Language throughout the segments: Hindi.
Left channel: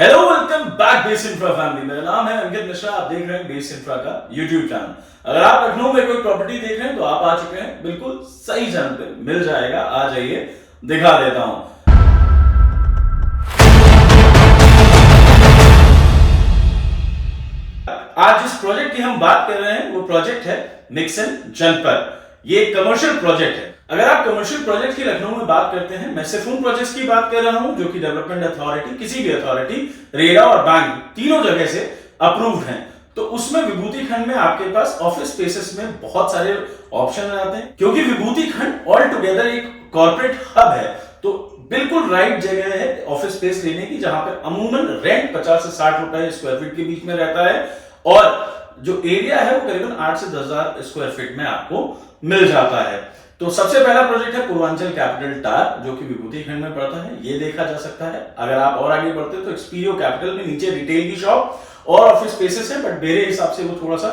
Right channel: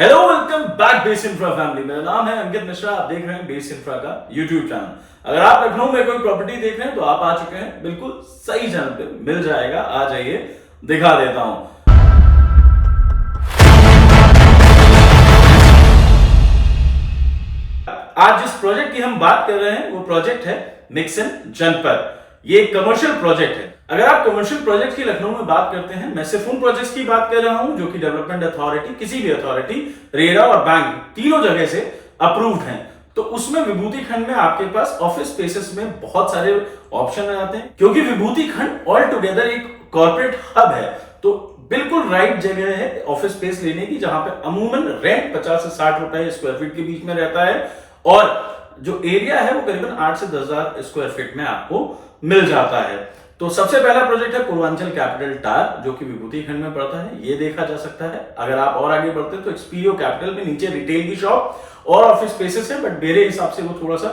Hello welcome back base infra family. मेरा नाम है अंकित मिश्रा। आप देख रहे हैं बेस इंफ्रा का यूट्यूब चैनल। अगर आप लखनऊ में कोई प्रॉपर्टी देख रहे हैं तो आप आ चुके हैं बिल्कुल सही चैनल पे। मिल जाएगा, आ जाइए, दिखा देता हूं। आज जिस प्रोजेक्ट की हम बात कर रहे हैं वो प्रोजेक्ट है मिक्सन जनपद। ये एक कमर्शियल प्रोजेक्ट है। अगर आप कमर्शियल प्रोजेक्ट की लखनऊ में बात करते हैं, मैं सिर्फ उन प्रोजेक्ट्स की बात कर रहा हूं जो कि डेवलपमेंट अथॉरिटी, किसी भी अथॉरिटी, रेरा और बैंक तीनों जगह से अप्रूव्ड हैं। तो उसमें विभूति खंड में आपके पास ऑफिस स्पेसेस में बहुत सारे ऑप्शन आते हैं, क्योंकि विभूति खंड ऑल टुगेदर एक कॉर्पोरेट हब है। तो बिल्कुल राइट जगह है ऑफिस स्पेस लेने की, जहां पे अमूमन रेंट 50 से 60 रुपए स्क्वायर फीट के बीच में रहता है और जो एरिया है वो करीबन 8 से 10,000 स्क्वायर फीट में आपको मिल जाता है। तो सबसे पहला प्रोजेक्ट है पूर्वांचल कैपिटल टार, जो कि विभूति खंड में पड़ता है। ये देखा जा सकता है। अगर आप और आगे बढ़ते हैं तो एक्सपीरियो कैपिटल में नीचे रिटेल की शॉप और ऑफिस स्पेसेस है, बट मेरे हिसाब से वो थोड़ा सा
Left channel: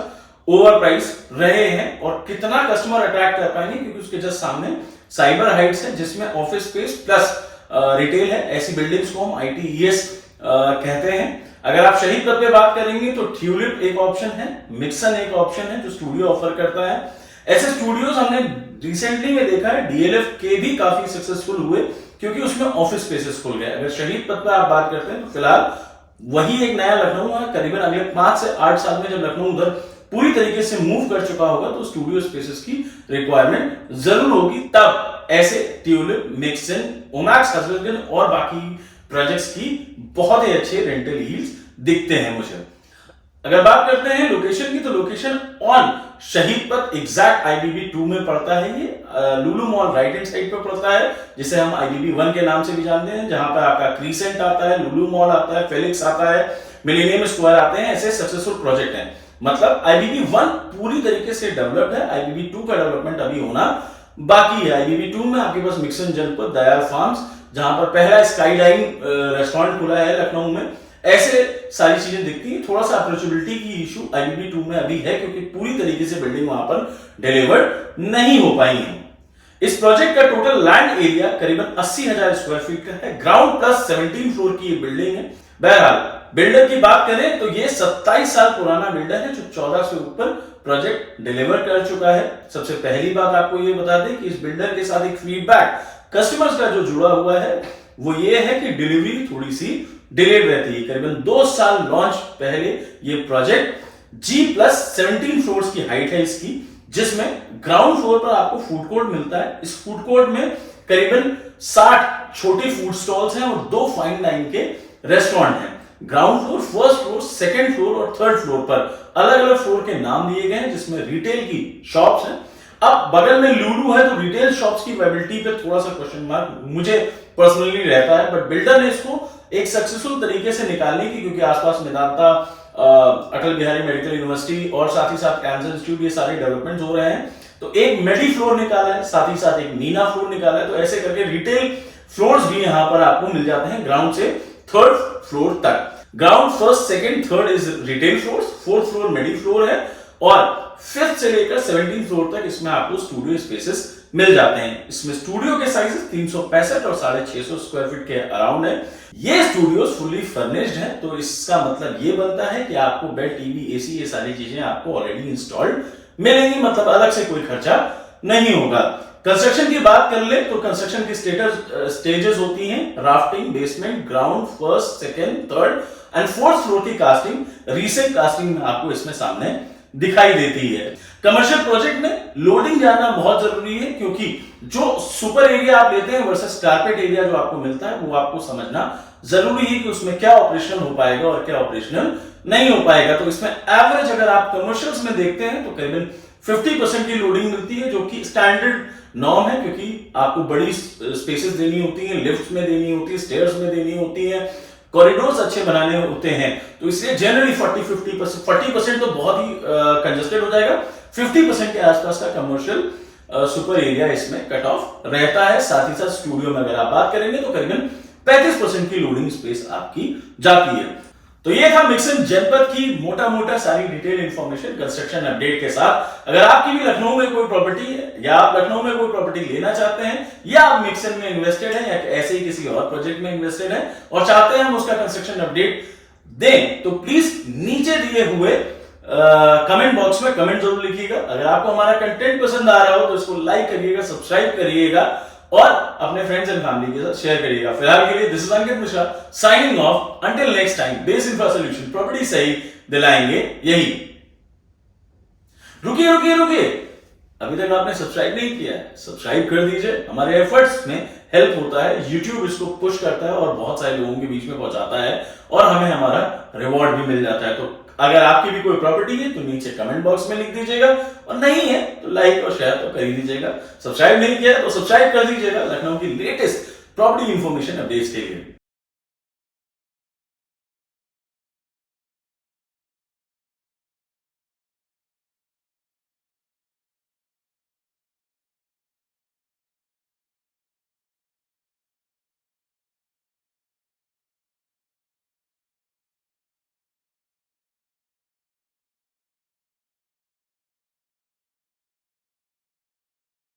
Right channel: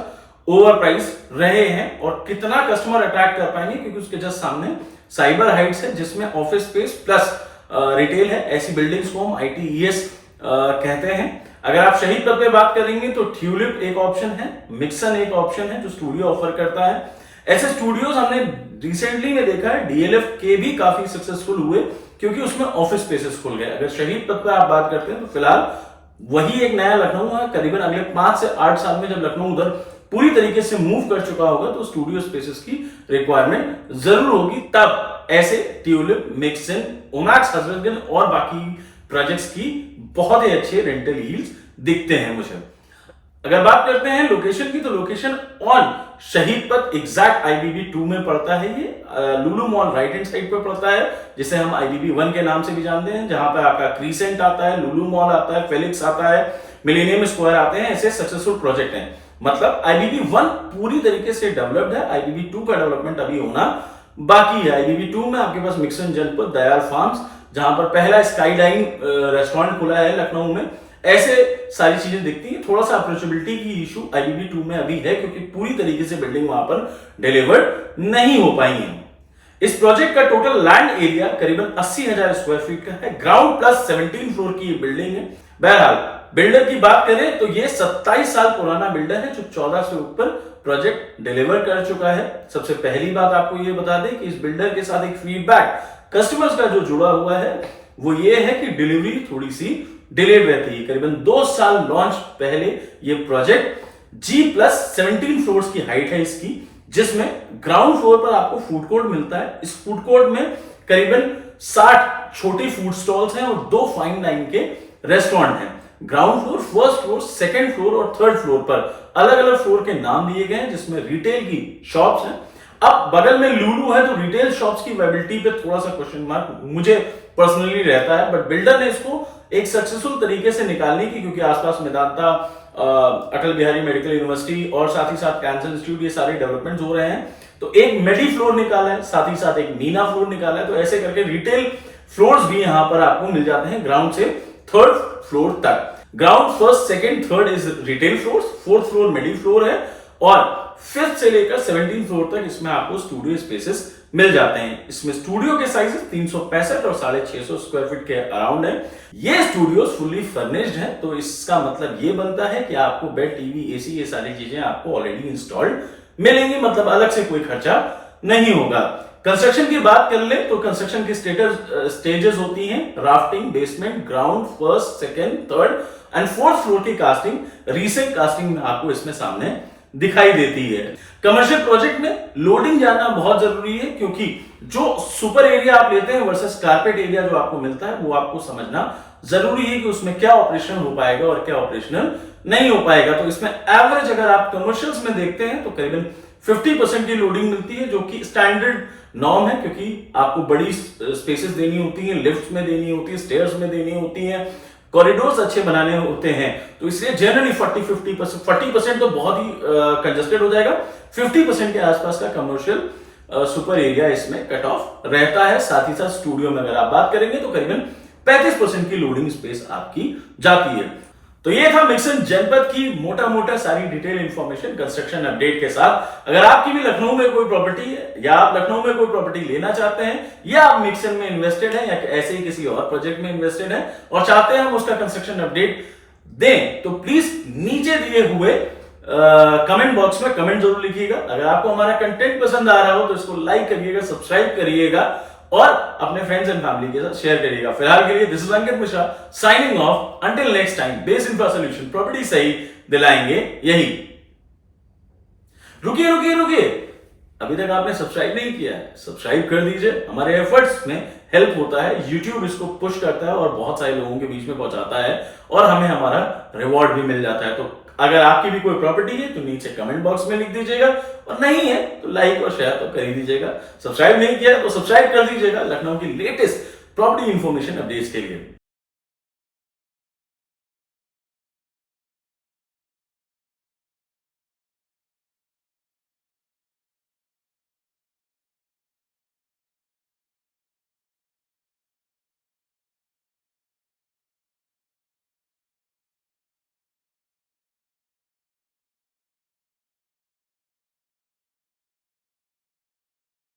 ओवर प्राइस रहे हैं। और कितना कस्टमर अट्रैक्ट कर पाएंगे, क्योंकि उसके जस्ट सामने साइबर हाइट्स है जिसमें ऑफिस स्पेस प्लस रिटेल है। ऐसी बिल्डिंग्स को हम ITES कहते हैं। अगर आप शहीद पथ पे बात करेंगे तो ट्यूलिप एक ऑप्शन है, मिक्सन एक ऑप्शन है जो स्टूडियो ऑफर करता है। ऐसे स्टूडियोज हमने रिसेंटली में देखा है, DLF के भी काफी सक्सेसफुल हुए क्योंकि उसमें ऑफिस स्पेसेस खुल गए। अगर शहीद पथ पर आप बात करते हैं तो फिलहाल वही एक नया लखनऊ है। करीबन अगले 5 से 8 साल में जब लखनऊ उधर पूरी तरीके से मूव कर चुका होगा तो स्टूडियो स्पेसेस की रिक्वायरमेंट जरूर होगी। तब ऐसे ट्यूलिप, मिक्सन, ओमैक्स, हजरतगंज और बाकी प्रोजेक्ट्स की बहुत ही अच्छे रेंटल यील्ड्स दिखते हैं मुझे। अगर बात करते हैं लोकेशन की, तो लोकेशन ऑन शहीद पथ एग्जैक्ट IBB 2 में पड़ता है। ये लुलु मॉल राइट हैंड साइड पर पड़ता है, जिसे हम IBB 1 के नाम से भी जानते हैं, जहां पर आपका क्रीसेंट आता है, लुलु मॉल आता है, फेलिक्स आता है, मिलेनियम स्क्वायर आते हैं। ऐसे सक्सेसफुल प्रोजेक्ट हैं। मतलब IBB 1 पूरी तरीके से डेवलप्ड है, IBB 2 का डेवलपमेंट अभी होना बाकी है। IBB 2 में आपके पास मिक्सन जनपद, दयाल फार्म्स, जहां पर पहला स्काईलाइन रेस्टोरेंट खुला है लखनऊ में, ऐसे सारी चीजें दिखती हैं। थोड़ा सा अप्रोचेबिलिटी की इशू IBB 2 में अभी है, क्योंकि पूरी तरीके से बिल्डिंग वहां पर डिलीवर्ड नहीं हो पाई है। इस प्रोजेक्ट का टोटल लैंड एरिया करीबन 80,000 स्क्वायर फीट का है। ग्राउंड प्लस 17 फ्लोर की ये बिल्डिंग है। बहरहाल बिल्डर की बात करें तो ये 27 साल पुराना बिल्डर है जो 14 से ऊपर प्रोजेक्ट डिलीवर कर चुका है। सबसे पहली बात आपको ये बता दें कि इस बिल्डर के साथ एक फीडबैक कस्टमर्स का जो जुड़ा हुआ है वो ये है कि डिलीवरी थोड़ी सी डिलेड रहती है। करीबन 2 साल लॉन्च पहले ये प्रोजेक्ट G+17 फ्लोर्स की हाइट है इसकी, जिसमें ग्राउंड फ्लोर पर आपको फूड कोर्ट मिलता है। इस फूड कोर्ट में करीबन 60 छोटे फूड स्टॉल्स हैं और 2 फाइन डाइन के रेस्टोरेंट हैं। Ground floor, first floor, second floor और थर्ड फ्लोर पर अलग अलग फ्लोर के नाम दिए गए हैं, जिसमें रिटेल की शॉप्स हैं। अब बगल में लुलु है तो रिटेल शॉप्स की वेबिलिटी पे थोड़ा सा क्वेश्चन मार्क मुझे पर्सनली रहता है, बट बिल्डर ने इसको एक सक्सेसफुल तरीके से निकालने की, क्योंकि आसपास मेदांता, अटल बिहारी मेडिकल यूनिवर्सिटी और साथ ही साथ कैंसर इंस्टीट्यूट, ये सारे डेवलपमेंट हो रहे हैं। तो एक मेडी फ्लोर निकाला है, साथ ही साथ एक मीना फ्लोर निकाला है। तो ऐसे करके रिटेल फ्लोर्स भी यहां पर आपको मिल जाते हैं ग्राउंड से थर्ड फ्लोर तक। Ground, first, second, third is retail floors, fourth floor मेडी फ्लोर है और फिफ्थ से लेकर 17 फ्लोर तक इसमें आपको स्टूडियो स्पेसेस मिल जाते हैं। इसमें स्टूडियो के साइजेस 365 और 650 स्क्वायर फीट के अराउंड है। ये स्टूडियोज फुली फर्निश्ड है, तो इसका मतलब ये बनता है कि आपको बेड, टीवी, AC, ये सारी चीजें आपको ऑलरेडी इंस्टॉल्ड मिलेंगी। मतलब अलग से कोई खर्चा नहीं होगा। कंस्ट्रक्शन की बात कर ले तो कंस्ट्रक्शन की स्टेजेस होती हैं: rafting, basement, ground, first, second, third and fourth floor की कास्टिंग, रीसेंट कास्टिंग आपको इसमें सामने दिखाई देती है। कमर्शियल प्रोजेक्ट में लोडिंग जाना बहुत जरूरी है, क्योंकि जो सुपर एरिया आप लेते हैं वर्सेस कारपेट एरिया जो आपको मिलता है, वो आपको समझना जरूरी है कि उसमें क्या ऑपरेशन हो पाएगा और क्या ऑपरेशनल नहीं हो पाएगा। तो इसमें एवरेज अगर आप कमर्शियल्स में देखते हैं तो करीबन 50% की लोडिंग मिलती है, जो कि स्टैंडर्ड नॉर्म है, क्योंकि आपको बड़ी स्पेसेस देनी होती है, लिफ्ट में देनी होती है, स्टेयर्स में देनी होती है, कॉरिडोर्स अच्छे बनाने होते हैं। तो इसलिए जनरली 40% तो बहुत ही कंजस्टेड हो जाएगा। 50% के आसपास का कमर्शियल सुपर एरिया इसमें कट ऑफ रहता है। साथ ही साथ स्टूडियो में अगर आप बात करेंगे तो करीबन 35% की लोडिंग स्पेस आपकी जाती है। तो ये था मिक्सन जनपद की मोटा मोटा सारी डिटेल इंफॉर्मेशन कंस्ट्रक्शन अपडेट के साथ। अगर आपकी भी लखनऊ में कोई प्रॉपर्टी है या आप लखनऊ में कोई प्रॉपर्टी लेना चाहते हैं या आप मिक्सन में इन्वेस्टेड हैं या ऐसे ही किसी और प्रोजेक्ट में इन्वेस्टेड हैं और चाहते हैं हम उसका कंस्ट्रक्शन अपडेट दें, तो प्लीज नीचे दिए हुए कमेंट बॉक्स में कमेंट जरूर लिखिएगा। अगर आपको हमारा कंटेंट पसंद आ रहा हो तो इसको लाइक करिएगा, सब्सक्राइब करिएगा और अपने फ्रेंड्स एंड फैमिली के साथ शेयर करिएगा। फिलहाल के लिए this is Ankit Mishra signing off. Until next time, base infra solution, property सही दिलाएंगे यही। रुकिए रुकिए रुकिए, अभी तक आपने सब्सक्राइब नहीं किया है, सब्सक्राइब कर दीजिए। हमारे एफर्ट्स में हेल्प होता है, YouTube इसको पुश करता है और बहुत सारे लोगों के बीच में पहुंचाता है और हमें हमारा रिवॉर्ड भी मिल जाता है। तो अगर आपकी भी कोई प्रॉपर्टी है तो नीचे कमेंट बॉक्स में लिख दीजिएगा और नहीं है तो लाइक और शेयर तो कर ही दीजिएगा। सब्सक्राइब नहीं किया तो सब्सक्राइब कर दीजिएगा लखनऊ की लेटेस्ट प्रॉपर्टी इंफॉर्मेशन अपडेट्स के लिए।